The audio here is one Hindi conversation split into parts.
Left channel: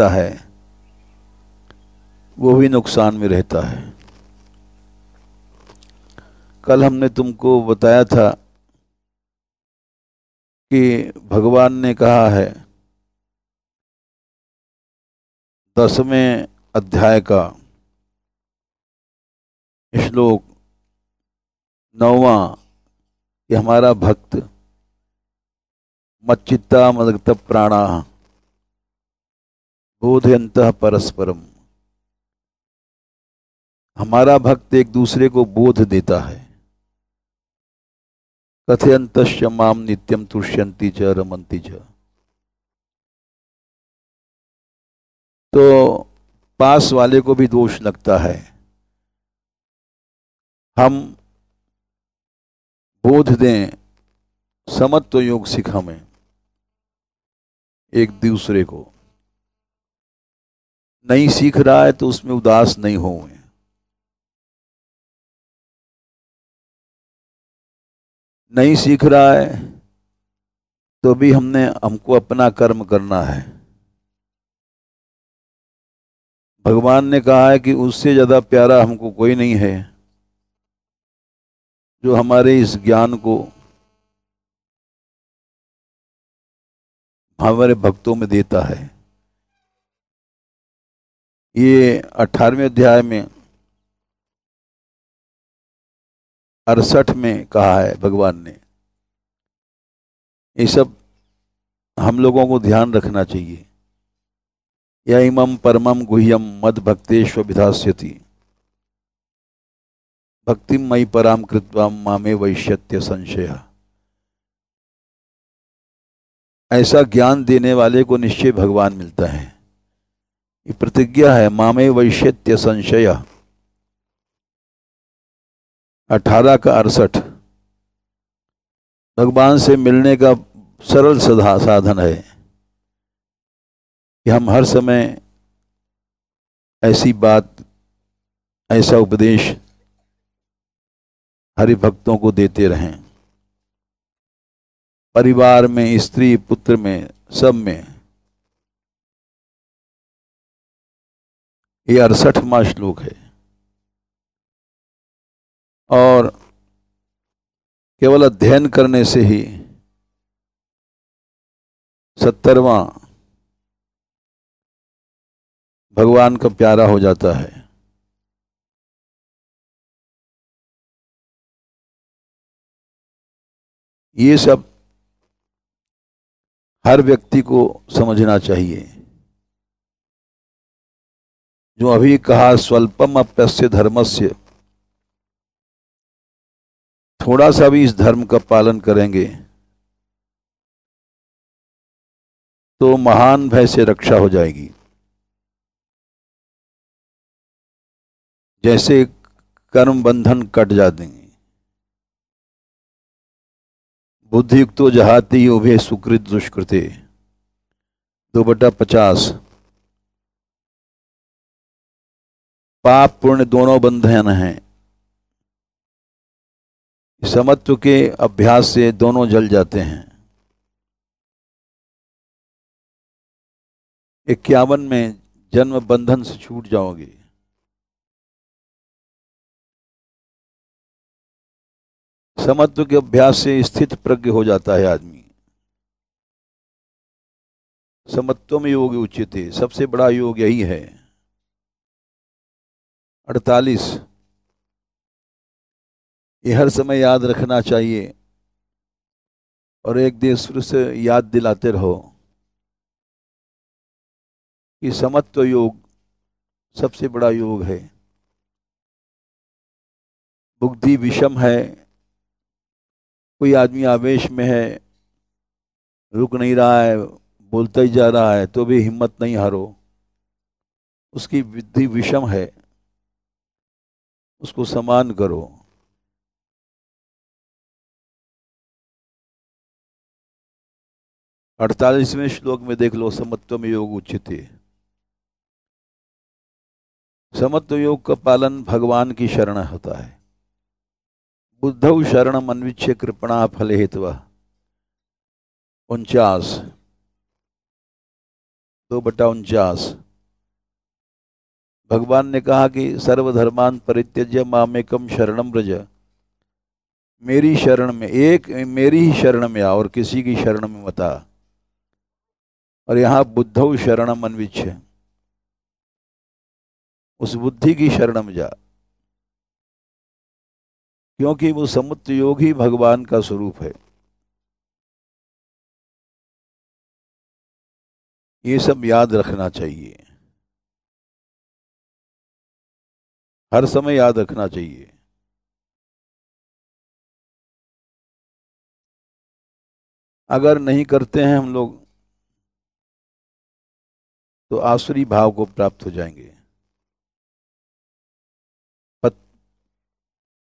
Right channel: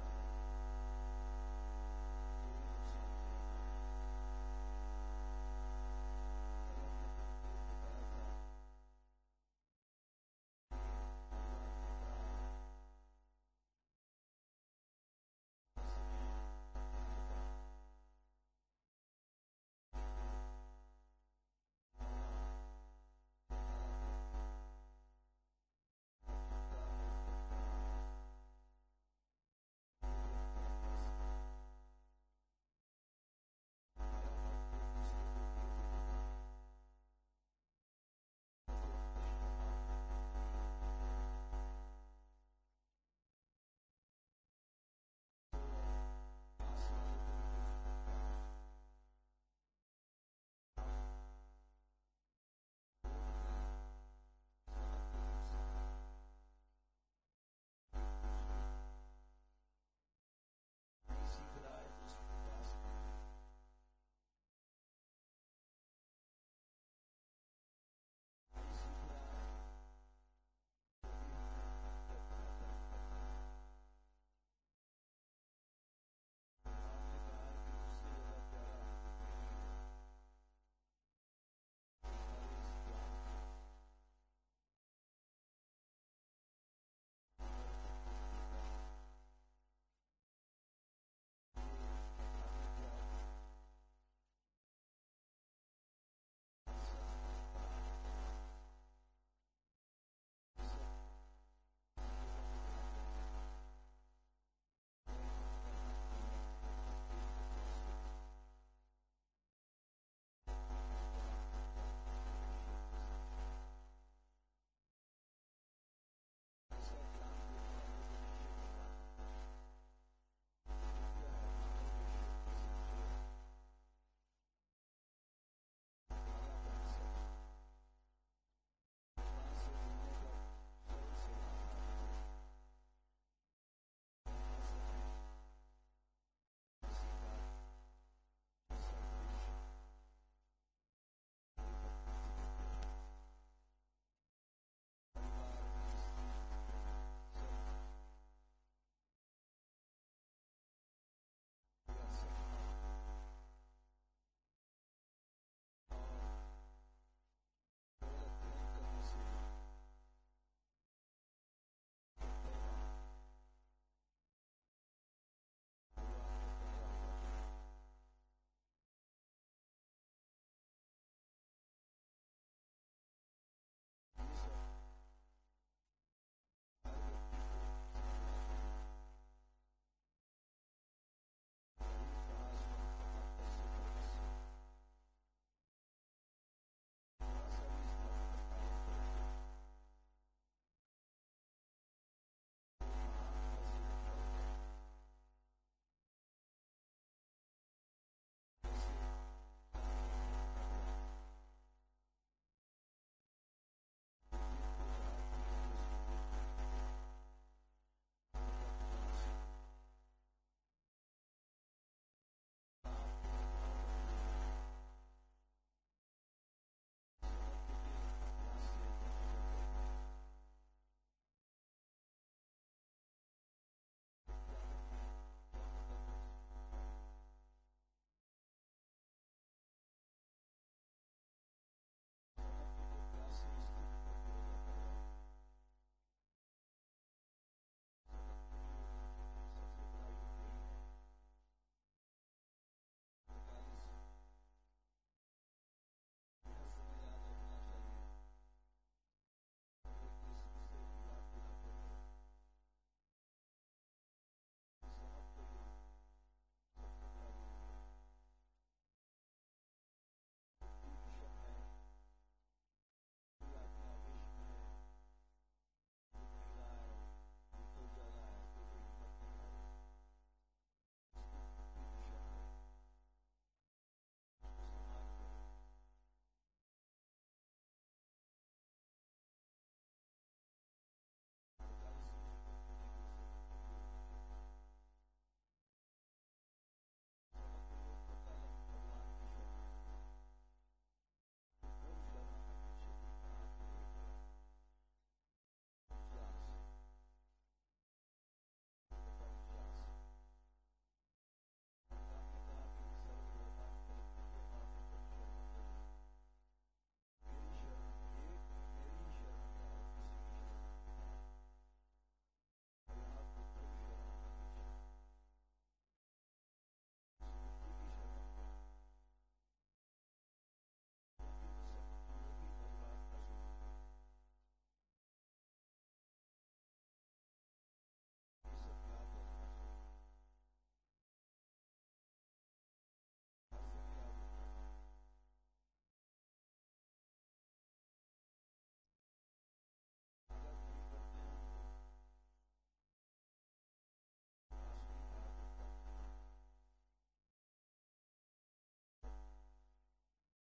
रहता है वो भी नुकसान में रहता है। कल हमने तुमको बताया था कि भगवान ने कहा है 10वें अध्याय का श्लोक 9वां कि हमारा भक्त मच्चित्ता मदगत प्राणा बोधयन्तः परस्परम। हमारा भक्त एक दूसरे को बोध देता है। कथयन्तश्च माम नित्यम तुष्यन्ति च रमन्ति च। तो पास वाले को भी दोष लगता है। हम बोध दें, समत्व योग सिख हमें एक दूसरे को। नहीं सीख रहा है तो उसमें उदास नहीं होंगे। नहीं सीख रहा है तो भी हमको अपना कर्म करना है। भगवान ने कहा है कि उससे ज्यादा प्यारा हमको कोई नहीं है जो हमारे इस ज्ञान को हमारे भक्तों में देता है। ये 18वें अध्याय में 68 में कहा है भगवान ने। ये सब हम लोगों को ध्यान रखना चाहिए। या इमं परमं गुह्यम मद भक्तेष्व विधास्यति भक्तिम मयि पराम कृत्वा मामे वैश्यत्य संशय। ऐसा ज्ञान देने वाले को निश्चय भगवान मिलता है। ये प्रतिज्ञा है, मामे वैश्यत्य संशय। 18 का 68 भगवान से मिलने का सरल साधन है कि हम हर समय ऐसी बात, ऐसा उपदेश हरि भक्तों को देते रहें। परिवार में, स्त्री पुत्र में, सब में। ये 68वां श्लोक है। और केवल अध्ययन करने से ही 70वां भगवान का प्यारा हो जाता है। ये सब हर व्यक्ति को समझना चाहिए। जो अभी कहा स्वल्पम अप्यस्य धर्मस्य, थोड़ा सा भी इस धर्म का पालन करेंगे तो महान भय से रक्षा हो जाएगी। जैसे कर्म बंधन कट जाते हैं। बुद्धियुक्तो जहाति उभे सुकृत दुष्कृते 2/50। पाप पुण्य दोनों बंधन हैं। समत्व के अभ्यास से दोनों जल जाते हैं। 51 में जन्म बंधन से छूट जाओगे। समत्व के अभ्यास से स्थित प्रज्ञ हो जाता है आदमी। समत्वम योग उच्यते, सबसे बड़ा योग यही है। 48 ये हर समय याद रखना चाहिए और एक दिन फिर से याद दिलाते रहो कि समत्व योग सबसे बड़ा योग है। बुद्धि विषम है, कोई आदमी आवेश में है, रुक नहीं रहा है, बोलता ही जा रहा है, तो भी हिम्मत नहीं हारो। उसकी बुद्धि विषम है, उसको समान करो। 48वें श्लोक में देख लो, समत्वम योग उच्यते। समत्व योग का पालन भगवान की शरण होता है। बुद्धौ शरणम अन्विच्य कृपणा फल हेतु 49। 2/49 भगवान ने कहा कि सर्वधर्मान परित्यज्य मामेकम शरणम व्रज, मेरी शरण में मेरी ही शरण में आ और किसी की शरण में मत आ। और यहाँ बुद्धौ शरणम अन्विच्छ, उस बुद्धि की शरण में जा, क्योंकि वो समुच्चय योग ही भगवान का स्वरूप है। ये सब याद रखना चाहिए, हर समय याद रखना चाहिए। अगर नहीं करते हैं हम लोग तो आसुरी भाव को प्राप्त हो जाएंगे।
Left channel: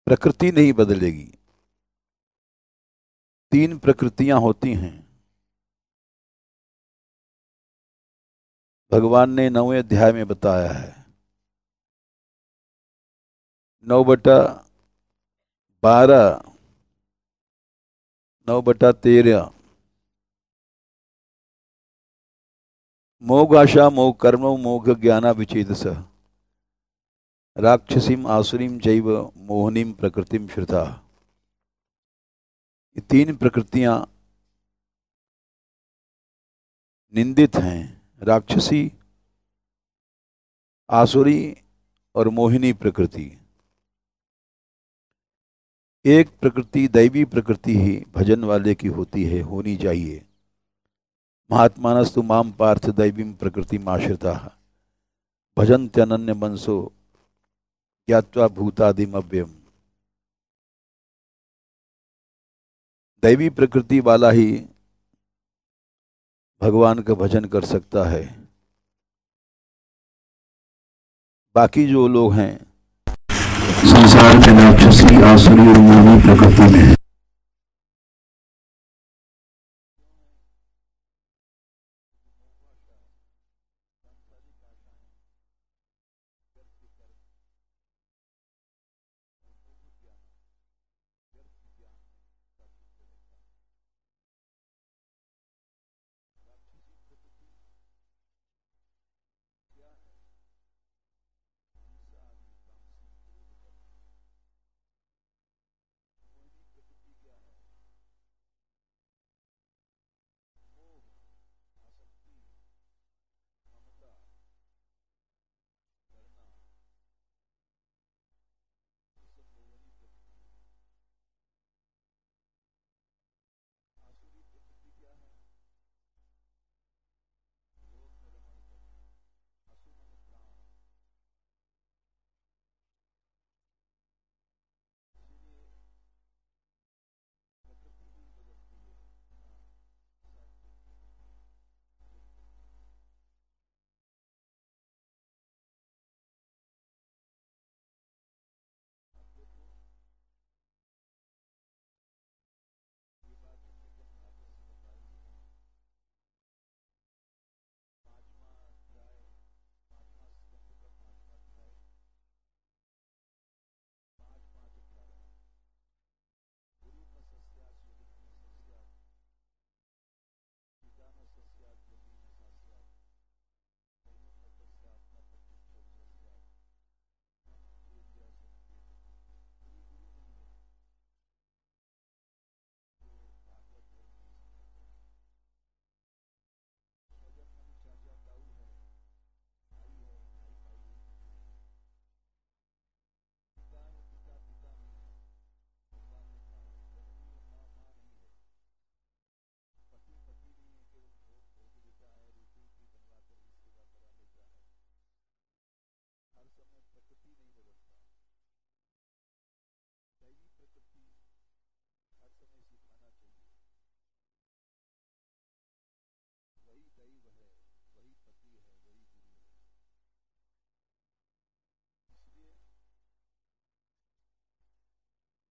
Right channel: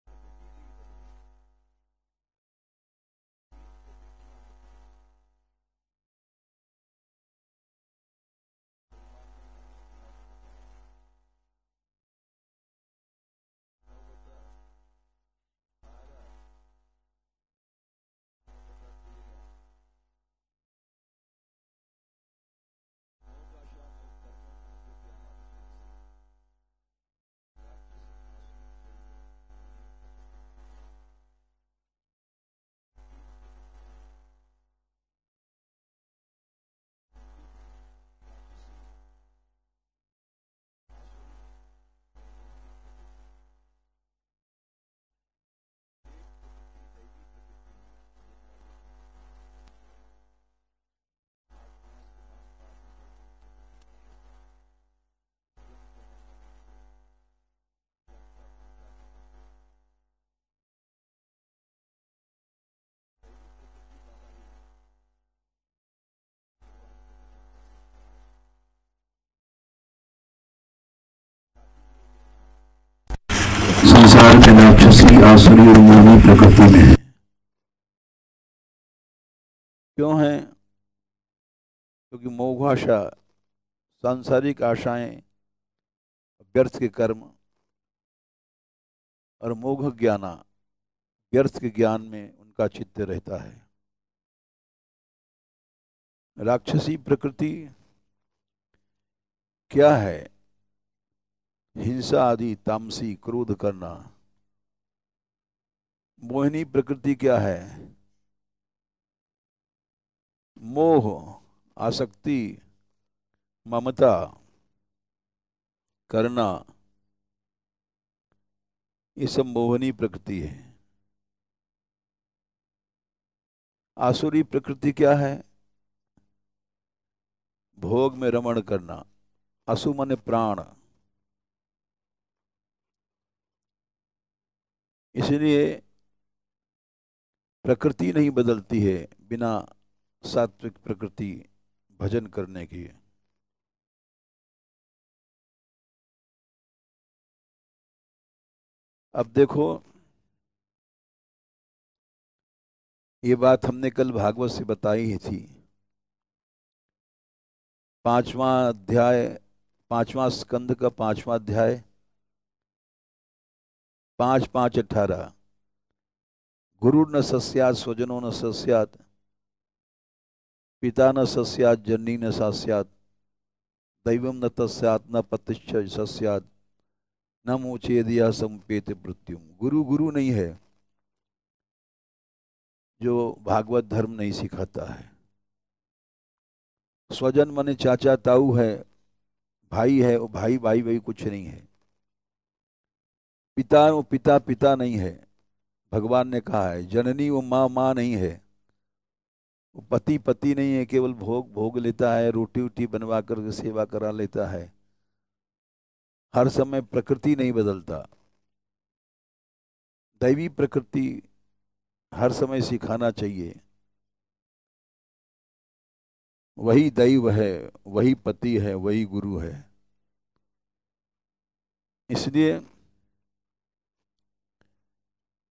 प्रकृति नहीं बदलेगी, 3 प्रकृतियां होती हैं। भगवान ने 9वें अध्याय में बताया है, 9/12, 9/13, मोघ आशा मोघ कर्म मोघ ज्ञाना विचेतस, राक्षसीम आसुरीम चैव मोहनीम प्रकृतिम श्रुता। ये 3 प्रकृतियां निंदित हैं, राक्षसी, आसुरी और मोहिनी प्रकृति। एक प्रकृति दैवी प्रकृति ही भजन वाले की होती है, होनी चाहिए। महात्मानस्तु माम पार्थ दैवीं प्रकृति आश्रिता भजन्त्यनन्य मनसो ज्ञात्वा भूतादिम अव्ययम्। दैवी प्रकृति वाला ही भगवान का भजन कर सकता है। बाकी जो लोग हैं संसार के राक्षसी आसुरी और मोहिनी प्रकृति में हैं। क्यों हैं? क्योंकि मोघाशा, सांसारिक आशाएं, व्यर्थ के कर्म, और मोघ ज्ञाना, व्यर्थ के ज्ञान में उनका चित्त रहता है। राक्षसी प्रकृति क्या है? हिंसा आदि, तामसी, क्रोध करना। मोहिनी प्रकृति क्या है? मोह, आसक्ति, ममता करना, ये सब मोहिनी प्रकृति है। आसुरी प्रकृति क्या है? भोग में रमण करना, असु माने प्राण। इसलिए प्रकृति नहीं बदलती है बिना सात्विक प्रकृति भजन करने की। अब देखो, ये बात हमने कल भागवत से बताई ही थी। 5वां अध्याय, 5वां स्कंद का 5वां अध्याय, 5:5-18। गुरु न सस्यात स्वजनो न सस्यात, पिता न सस्यात जननी न सस्यात, दैवम न तस्यात न पतिश्च सस्यात, न मोचेदिया संपेत मृत्युम। गुरु गुरु नहीं है जो भागवत धर्म नहीं सिखाता है। स्वजन माने चाचा ताऊ है, भाई है, वो भाई भाई वही कुछ नहीं है। पिता वो पिता पिता नहीं है, भगवान ने कहा है। जननी वो माँ माँ नहीं है, वो पति पति नहीं है, केवल भोग भोग लेता है, रोटी वोटी बनवा कर सेवा करा लेता है। हर समय प्रकृति नहीं बदलता। दैवी प्रकृति हर समय सिखाना चाहिए। वही दैव है, वही पति है, वही गुरु है। इसलिए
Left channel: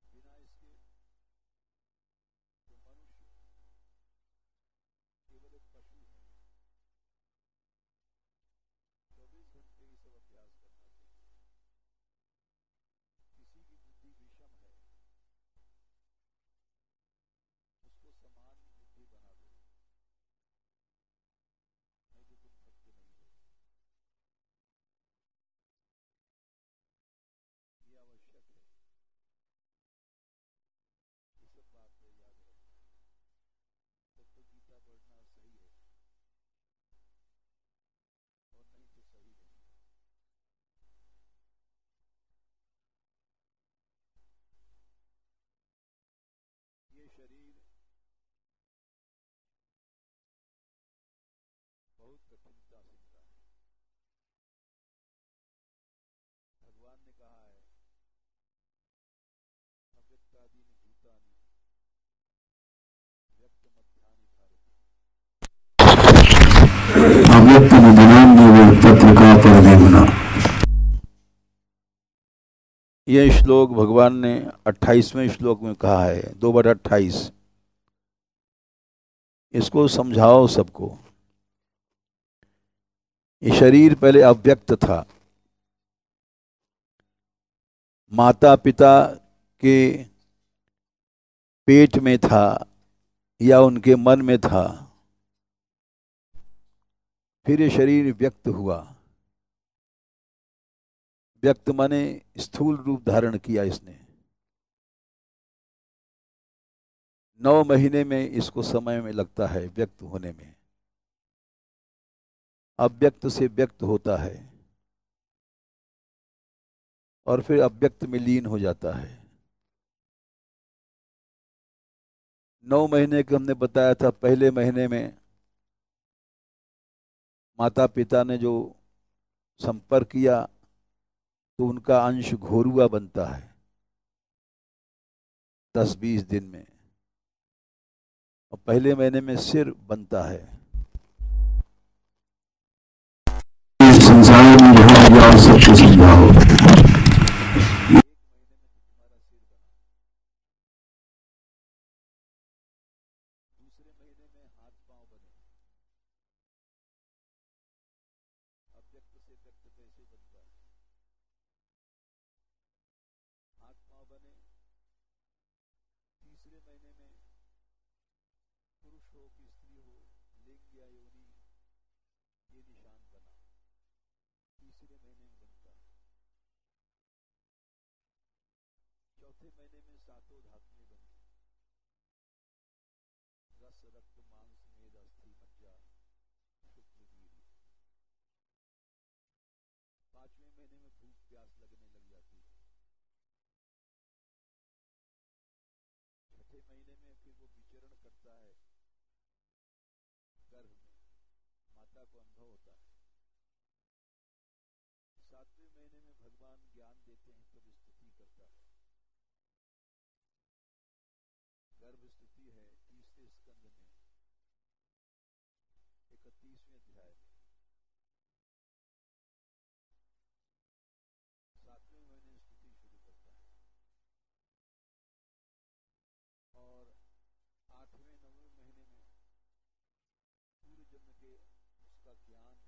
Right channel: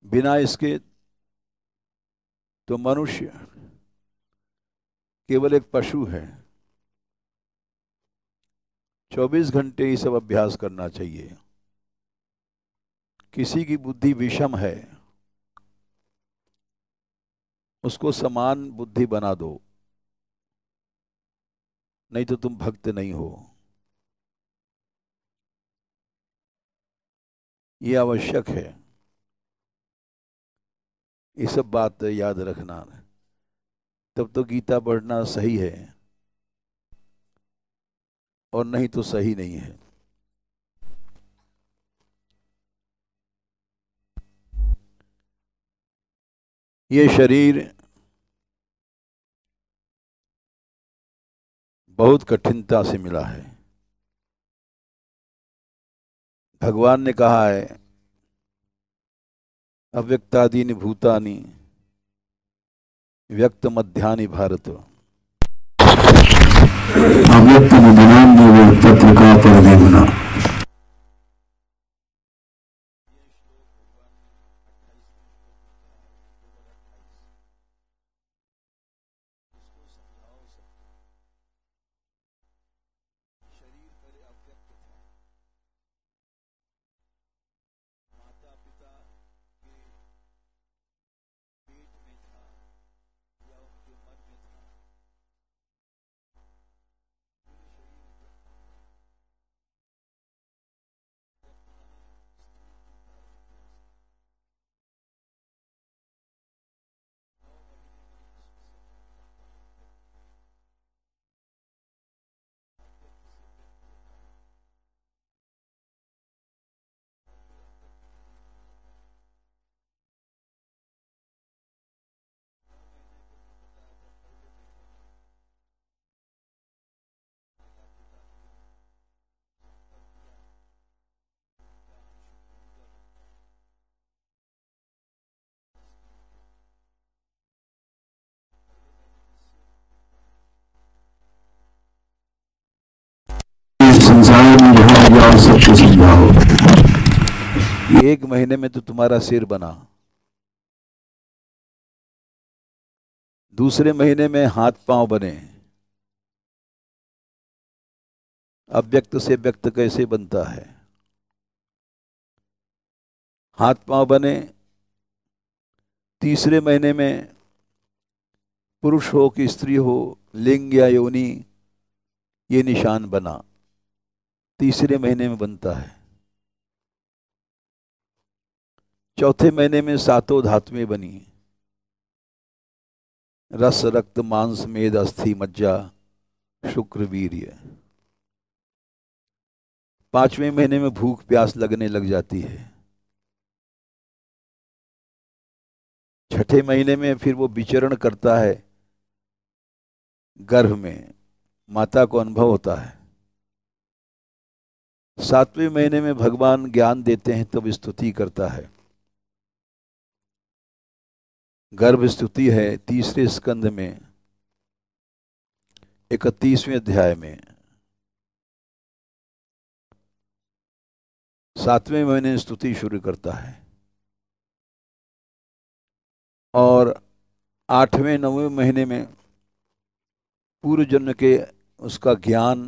बिना इसके तो मनुष्य केवल एक पशु है। 24 घंटे ये सब अभ्यास करना चाहिए। किसी की बुद्धि विषम है, उसको समान बुद्धि बना दो। नहीं तो तुम भक्त नहीं हो। ये आवश्यक है, ये सब बात याद रखना। तब तो गीता पढ़ना सही है, और नहीं तो सही नहीं है। ये शरीर बहुत कठिनता से मिला है। भगवान ने कहा है, अव्यक्तादीनि भूतानि व्यक्त मध्यानि भारत। अव्यक्त तत्व का परिदेवना। यह श्लोक भगवान ने 28वें श्लोक में कहा है, 2/28। इसको समझाओ सबको। ये शरीर पहले अव्यक्त था, माता पिता के पेट में था या उनके मन में था। फिर ये शरीर व्यक्त हुआ। व्यक्त माने स्थूल रूप धारण किया इसने। 9 महीने में इसको समय में लगता है व्यक्त होने में। अव्यक्त से व्यक्त होता है और फिर अव्यक्त में लीन हो जाता है। 9 महीने के हमने बताया था, पहले महीने में माता पिता ने जो संपर्क किया तो उनका अंश घोरुआ बनता है 10-20 दिन में, और पहले महीने में सिर बनता है। संसार में जहाँ जाओ सबको समझाओ। 1 महीने में तो तुम्हारा सिर बना। दूसरे महीने में हाथ पांव बने। अव्यक्त से व्यक्त कैसे बनता है? हाथ पांव बने। तीसरे महीने में पुरुष हो कि स्त्री हो, लिंग या योनि, ये निशान बना। तीसरे महीने में बनता है। चौथे महीने में 7 धातुएं बनी, रस रक्त मांस मेद अस्थि मज्जा शुक्र वीर्य। 5वें महीने में भूख प्यास लगने लग जाती है। 6ठे महीने में फिर वो विचरण करता है गर्भ में, माता को अनुभव होता है। 7वें महीने में भगवान ज्ञान देते हैं, तब स्तुति करता है। गर्भ स्तुति है 3रे स्कंद में 31वें अध्याय में। 7वें महीने स्तुति शुरू करता है, और 8वें 9वें महीने में पूर्व जन्म के उसका ज्ञान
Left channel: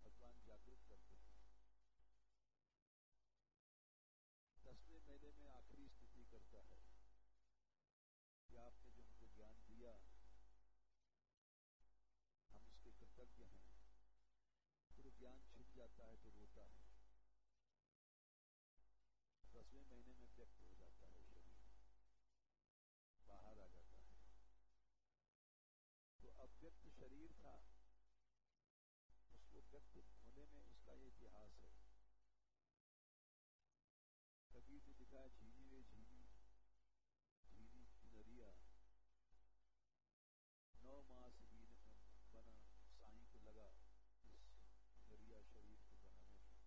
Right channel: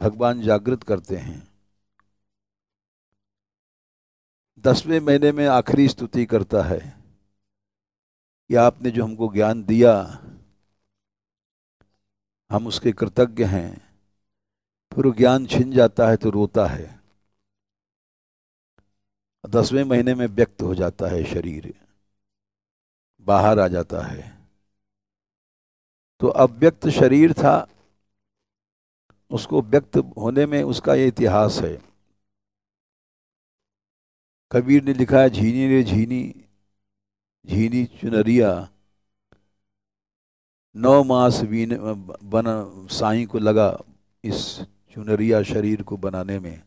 भगवान जागृत करते हैं। 10वें महीने में आखिरी स्तुति करता है कि आपने जो हमको ज्ञान दिया, हम उसके कृतज्ञ हैं। फिर वो ज्ञान छिन जाता है तो रोता है। 10वें महीने में व्यक्त हो जाता है, शरीर बाहर आ जाता है। तो अव्यक्त शरीर था, उसको व्यक्त होने में उसका ये इतिहास है। कबीर ने लिखा है, झीनी रे झीनी झीनी चुनरिया, 9 मास बीन बन साईं को लगा इस चुनरिया शरीर को बनाने में।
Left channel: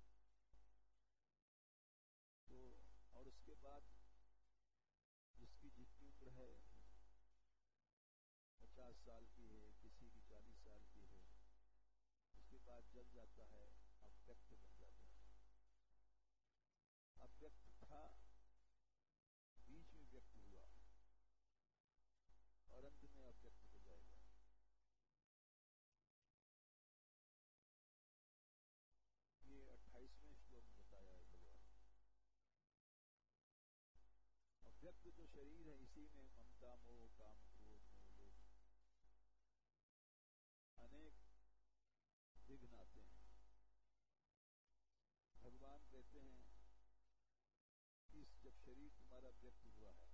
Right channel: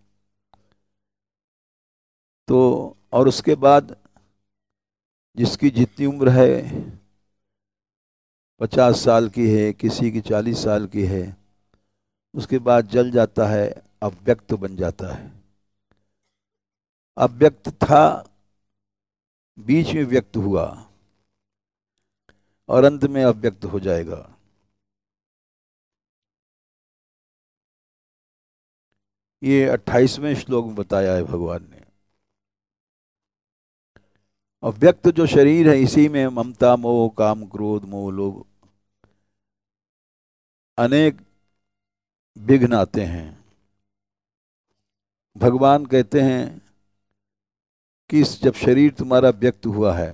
तो और उसके बाद जिसकी जितनी उम्र है, 50 साल की है, किसी की 40 साल की है, उसके बाद जल जाता है, अव्यक्त बन जाता है। अव्यक्त था, बीच में व्यक्त हुआ, और अंत में अव्यक्त हो जाएगा। ये 28वें श्लोक में बताया है भगवान ने। अव्यक्त जो शरीर है, इसी में ममता मोह काम क्रोध मोह लोभ, अनेक विघ्न आते हैं। भगवान कहते हैं कि जब शरीर तुम्हारा व्यक्त हुआ है,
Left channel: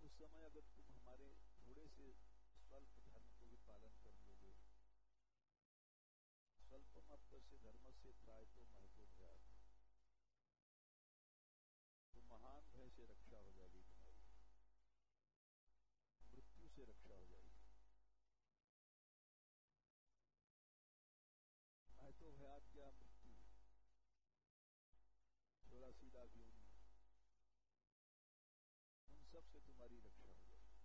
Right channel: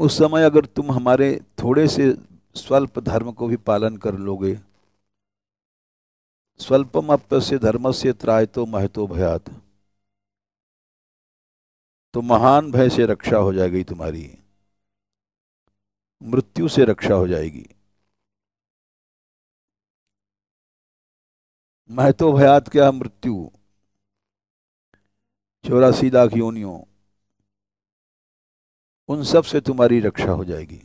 उस समय अगर तुम हमारे थोड़े से स्वल्प धर्म को भी पालन कर लोगे, स्वल्पम अप्यस्य धर्मस्य त्रायतो महतो भयात्, तो महान भय से रक्षा हो जाएगी तुम्हारी, मृत्यु से रक्षा हो जाएगी। महतो भयात क्या? मृत्यु। 84 लाख योनियों, उन सब से तुम्हारी रक्षा हो जाएगी।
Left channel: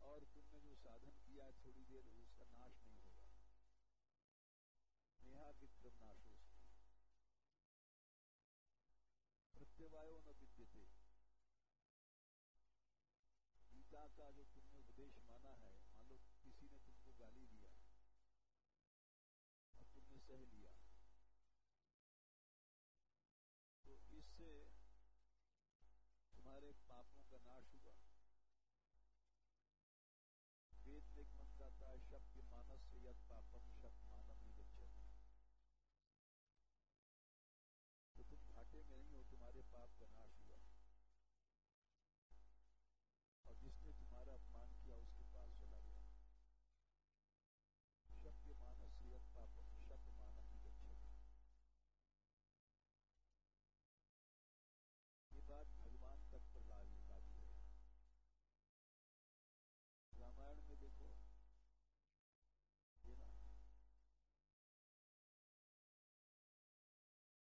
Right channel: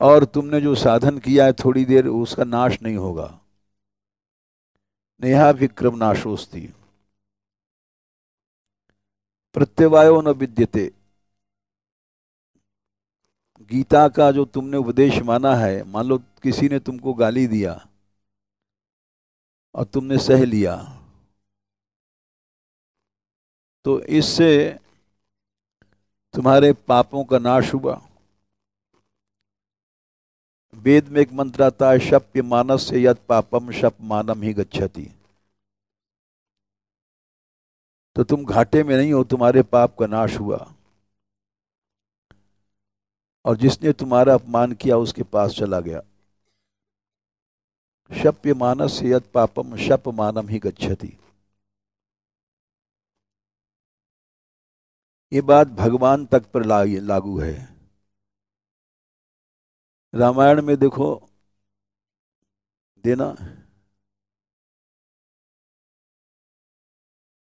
और तुमने जो साधन किया है थोड़ी देर, उसका नाश नहीं होगा। नेहा विक्रम नाशोस्ति, प्रत्यवायो न विद्यते। गीता का जो तुमने उपदेश माना है, मान लो किसी ने तुमको गाली दिया और तुमने सह लिया, तो इससे तुम्हारे पापों का नाश हुआ। वेद में एक मंत्र आता है, शप्य मानस से यद पापम शप मानम ही गच्छति। तो तुम घाटे में नहीं हो, तुम्हारे पाप का नाश हुआ। और जिसने तुम्हारा अपमान किया उसके पास चला गया। शप्य मानस से यद पापम शप मानम ही गच्छति। ये बात भगवान तक पर लागू है। रामायण में देखो, देना,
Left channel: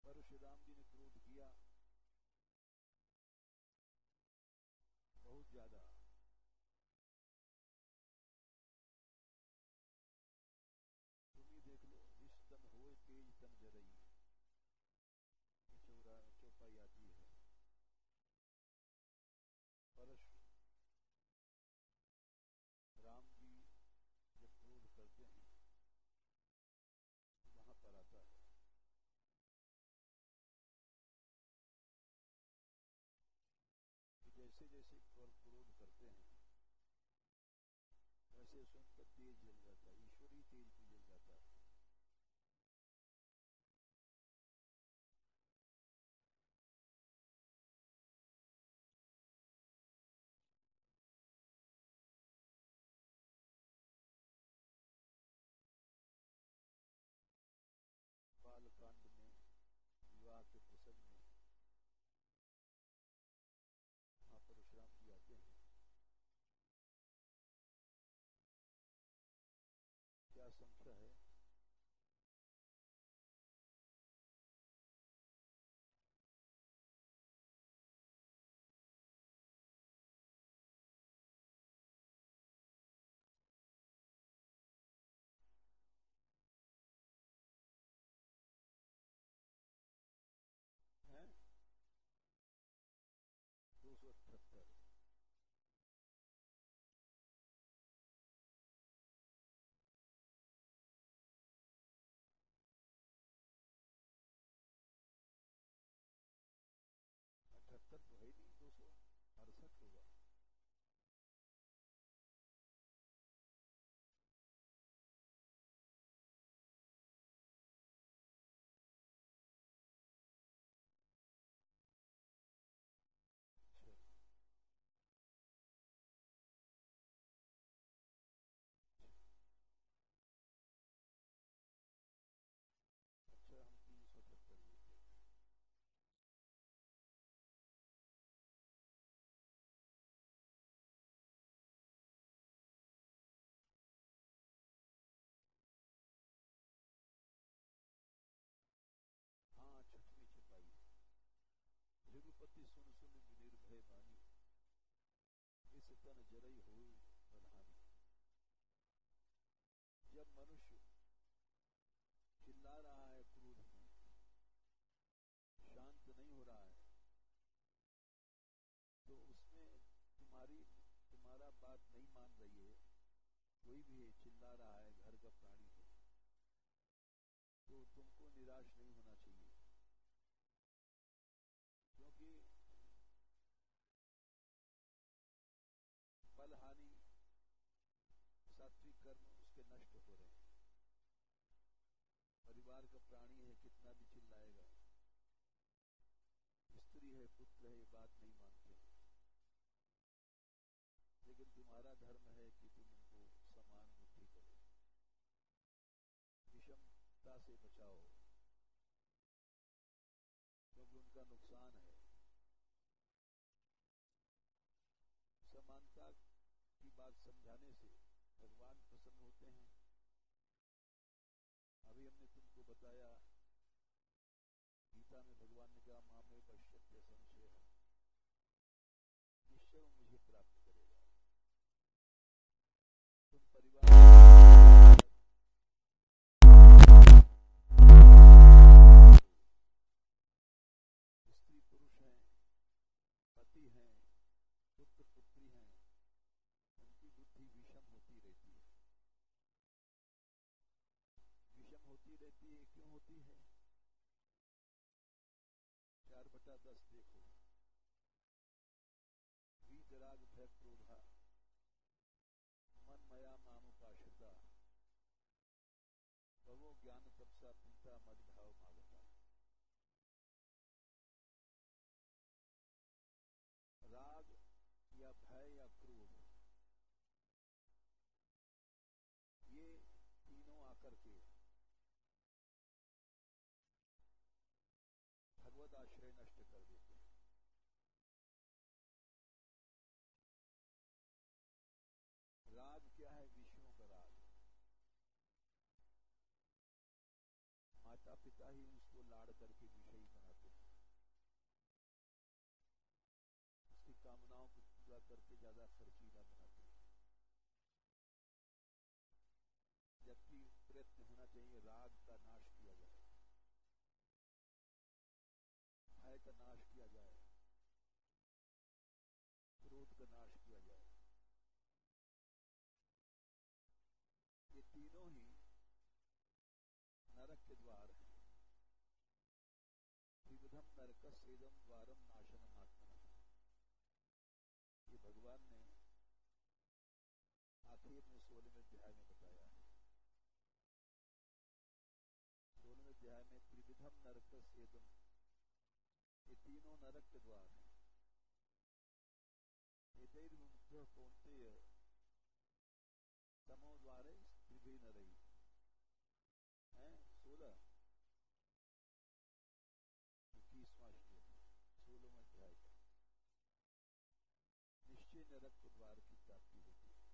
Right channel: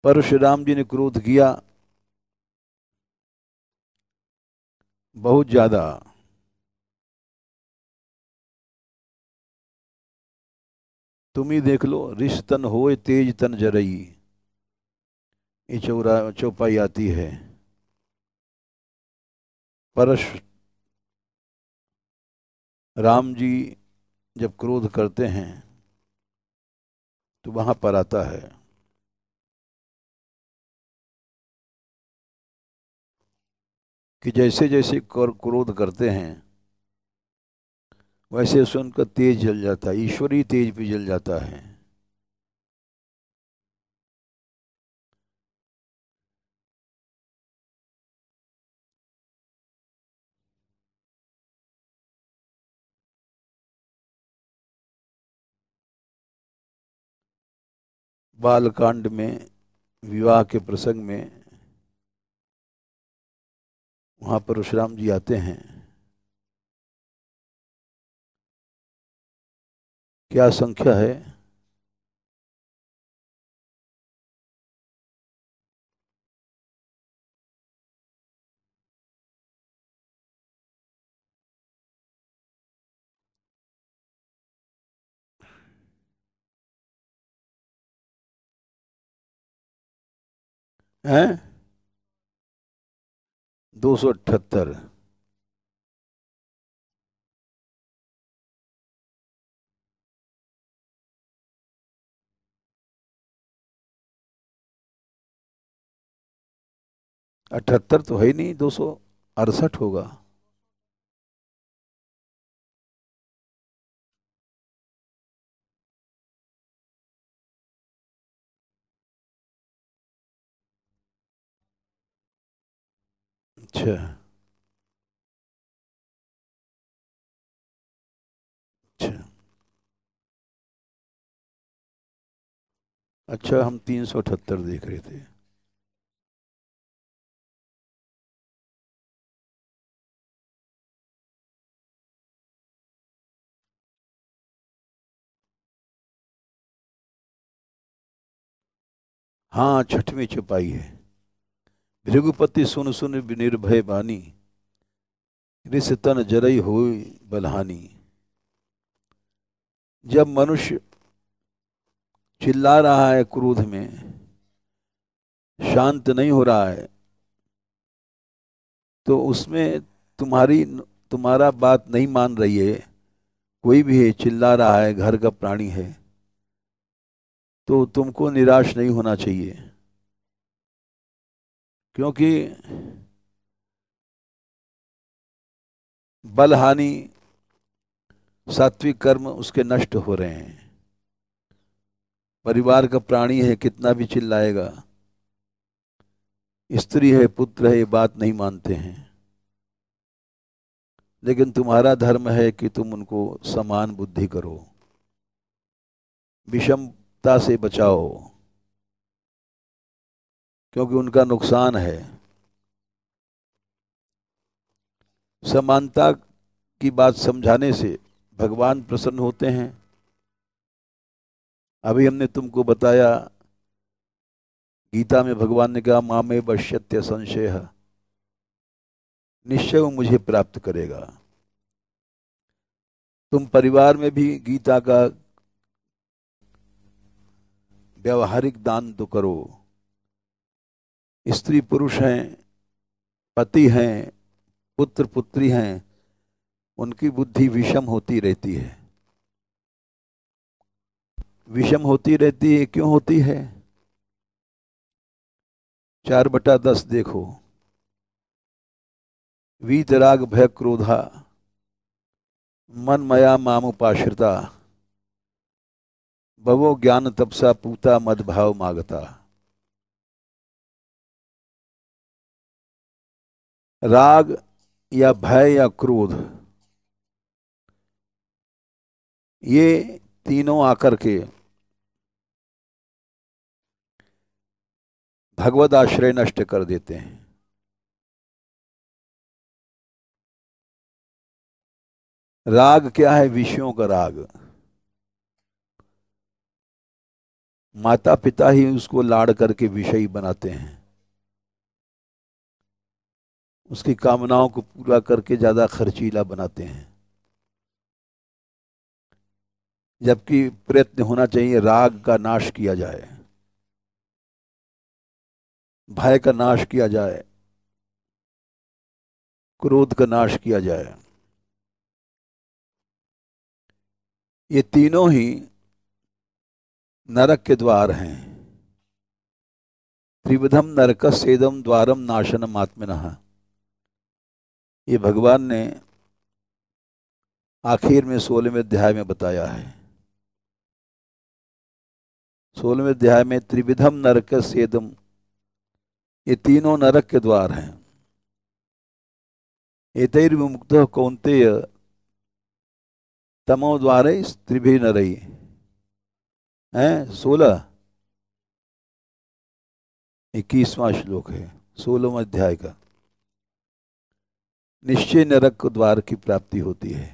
परशुराम जी ने क्रोध किया बहुत ज्यादा। तुम ही देख लो, रिश तन होए तेज तन जरई, ये चौपाई आती है। परश राम जी जब क्रोध करते हैं तो वहां पर आता है कि जैसे जैसे क्रोध करते हैं वैसे वैसे उनका तेज जल जाता है, ईश्वरीय तेज भी जल जाता है। बालकांड में, विवाह के प्रसंग में, वहां परशुराम जी आते हैं। क्या संख्या है? हैं? 278। 78 तो है ही नहीं, 268 होगा। अच्छा अच्छा अच्छा, हम 378 देख रहे थे। हाँ, छठवीं छुपाई है। भृगुपति सुन सुन निर्भय बानी, रिस तन जरई होई बलहानी। जब मनुष्य चिल्ला रहा है क्रोध में, शांत नहीं हो रहा है, तो उसमें तुम्हारा बात नहीं मान रही है, कोई भी है चिल्ला रहा है, घर का प्राणी है, तो तुमको निराश नहीं होना चाहिए। क्योंकि बल हानि सात्विक कर्म उसके नष्ट हो रहे हैं। परिवार का प्राणी है, कितना भी चिल्लाएगा, स्त्री है, पुत्र है, ये बात नहीं मानते हैं। लेकिन तुम्हारा धर्म है कि तुम उनको समान बुद्धि करो, विषमता से बचाओ, क्योंकि उनका नुकसान है। समानता की बात समझाने से भगवान प्रसन्न होते हैं। अभी हमने तुमको बताया, गीता में भगवान ने कहा मामे पश्यत्य संशय, निश्चय वो मुझे प्राप्त करेगा। तुम परिवार में भी गीता का व्यवहारिक दान तो करो। स्त्री पुरुष हैं, पति हैं, पुत्र पुत्री हैं, उनकी बुद्धि विषम होती रहती है। विषम होती रहती है, क्यों होती है? 4/10 देखो, वीतराग भय क्रोधा मन मया मामुपाश्रिता भवो ज्ञान तपसा पूता मद भाव मागता। राग या भय या क्रोध, ये तीनों आकर के भगवद आश्रय नष्ट कर देते हैं। राग क्या है? विषयों का राग। माता पिता ही उसको लाड़ करके विषयी बनाते हैं, उसकी कामनाओं को पूरा करके ज्यादा खर्चीला बनाते हैं। जबकि प्रयत्न होना चाहिए राग का नाश किया जाए, भय का नाश किया जाए, क्रोध का नाश किया जाए। ये तीनों ही नरक के द्वार हैं। त्रिविधम नरकस्येदम द्वारम नाशनम आत्मनः, ये भगवान ने आखिर में 16वें अध्याय में बताया है। 16वें अध्याय में त्रिविधम नरकस्येदम, ये तीनों नरक के द्वार हैं। एतैर्विमुक्तः कौन्तेय तमो द्वारे त्रिभिः नरैः हैं। 21वां श्लोक है 16वें अध्याय का। निश्चय नरक द्वार की प्राप्ति होती है।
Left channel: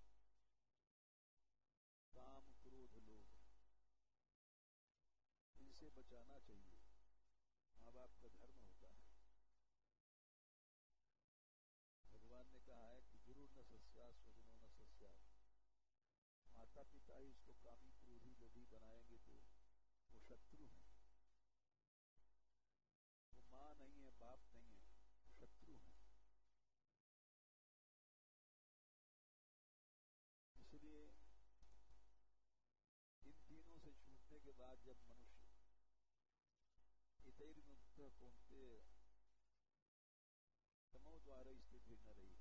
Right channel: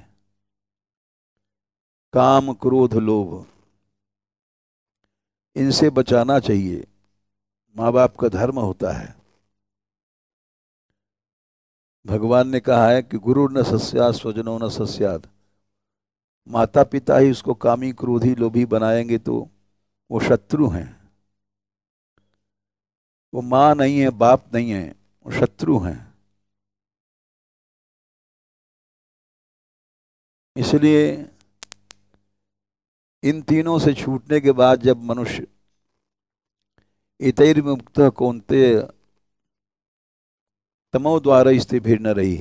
काम क्रोध लोभ, इनसे बचाना चाहिए, माँ बाप का धर्म होता है। भगवान ने कहा है कि गुरु न सस्यात् स्वजनो न सस्यात्, माता पिता ही उसको कामी क्रोधी लोभी बनाएंगे तो वो शत्रु हैं। वो माँ नहीं है, बाप नहीं है, वो शत्रु हैं। इसलिए इन तीनों से छूटने के बाद जब मनुष्य इतैर्मुक्त कौन्तेय तमो द्वारा स्थिभिर न रही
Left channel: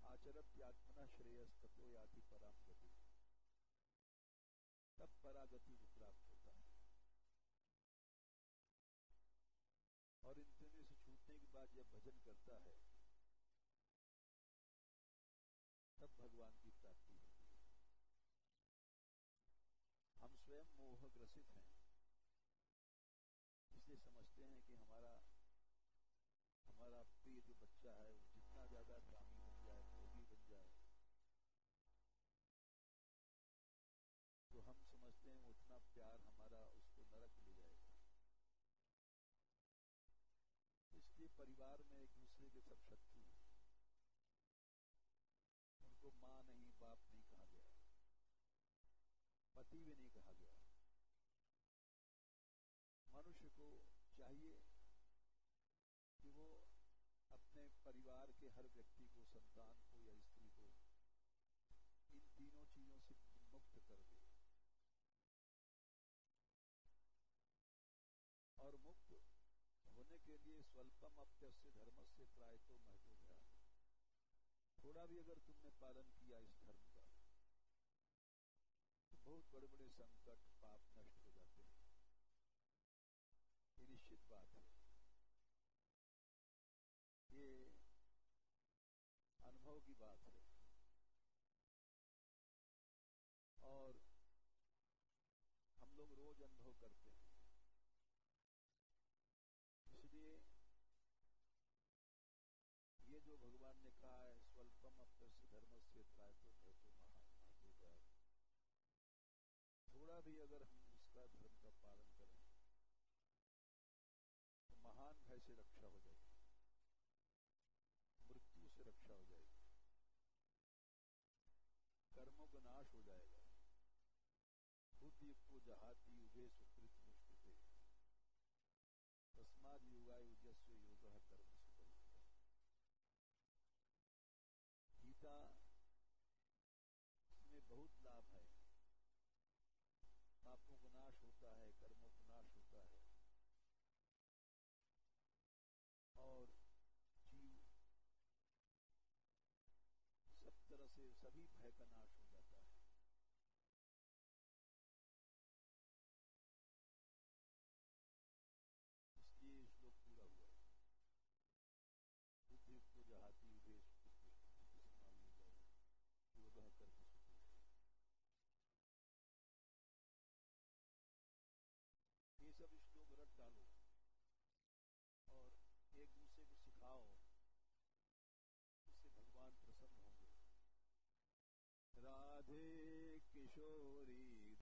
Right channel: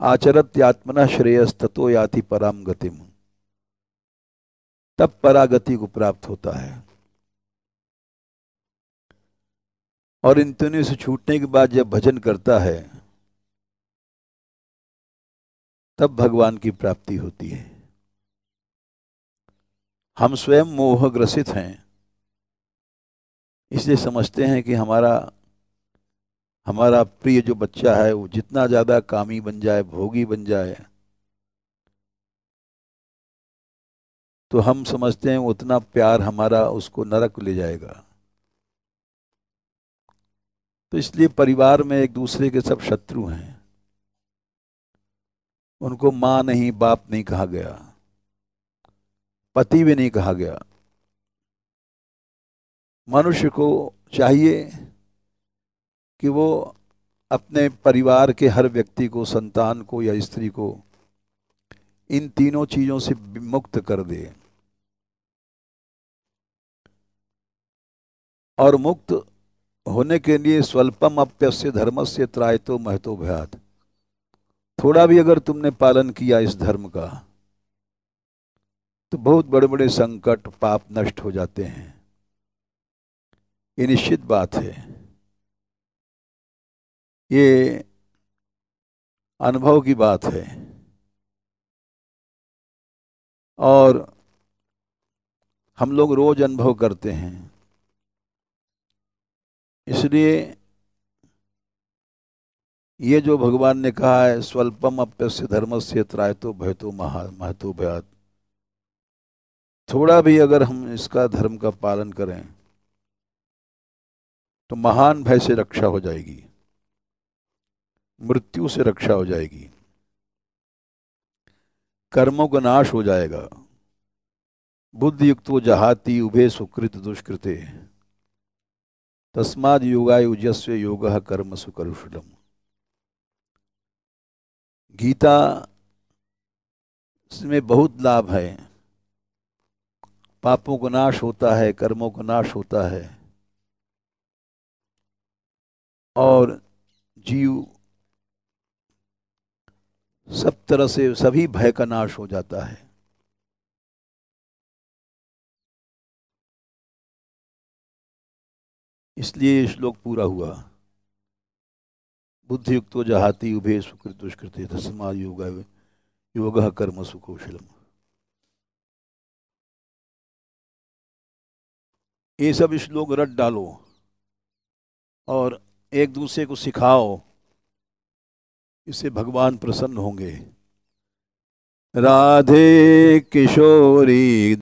आचरत्यात्मना श्रेयस्ततो याति पराम गतिम, तब परागति को प्राप्त होता है। और इन तीनों से छूटने के बाद जब भजन करता है तब भगवान की प्राप्ति होती है। हम स्वयं मोहग्रसित हैं, इसलिए समझते हैं कि हमारा प्रिय जो बच्चा है वो जितना ज्यादा कामी बन जाए, भोगी बन जाए, तो हम समझते हैं उतना प्यार हमारा उसको नरक ले जाएगा। तो इसलिए परिवार में एक दूसरे के सब शत्रु हैं। उनको माँ नहीं, बाप नहीं कहा गया, पति भी नहीं कहा गया। मनुष्य को चाहिए कि वो अपने परिवार के हर व्यक्ति को, संतान को या स्त्री को इन तीनों चीजों से मुक्त कर दे। और मुक्त होने के लिए स्वल्पम अप्यस्य धर्मस्य त्रायतो महतो भयात्, थोड़ा भी अगर तुमने पालन किया इस धर्म का तो बहुत बड़े बड़े संकट पाप नष्ट हो जाते हैं। ये निश्चित बात है, ये अनुभव की बात है। और हम लोग रोज अनुभव करते हैं। इसलिए ये जो भगवान ने कहा है, स्वल्पम अप्यस्य धर्मस्य त्रायतो भयतो महतो भयात्, थोड़ा भी अगर हम इसका धर्म का पालन करें तो महान भय से रक्षा हो जाएगी, मृत्यु से रक्षा हो जाएगी, कर्मों का नाश हो जाएगा। बुद्धि युक्तो जहाति उभे सुकृत दुष्कृते तस्माद योगाय युज्यस्व योगः कर्मसु करुषलम्। गीता में बहुत लाभ है। पापों का नाश होता है, कर्मों का नाश होता है, और जीव सब तरह से सभी भय का नाश हो जाता है। इसलिए ये श्लोक पूरा हुआ। बुद्धि युक्तो जहाति उभे सुकृत दुष्कृते तस्माद् योगः कर्मसु कौशलम्। ये सब श्लोक रट डालो और एक दूसरे को सिखाओ, इससे भगवान प्रसन्न होंगे। राधे किशोरी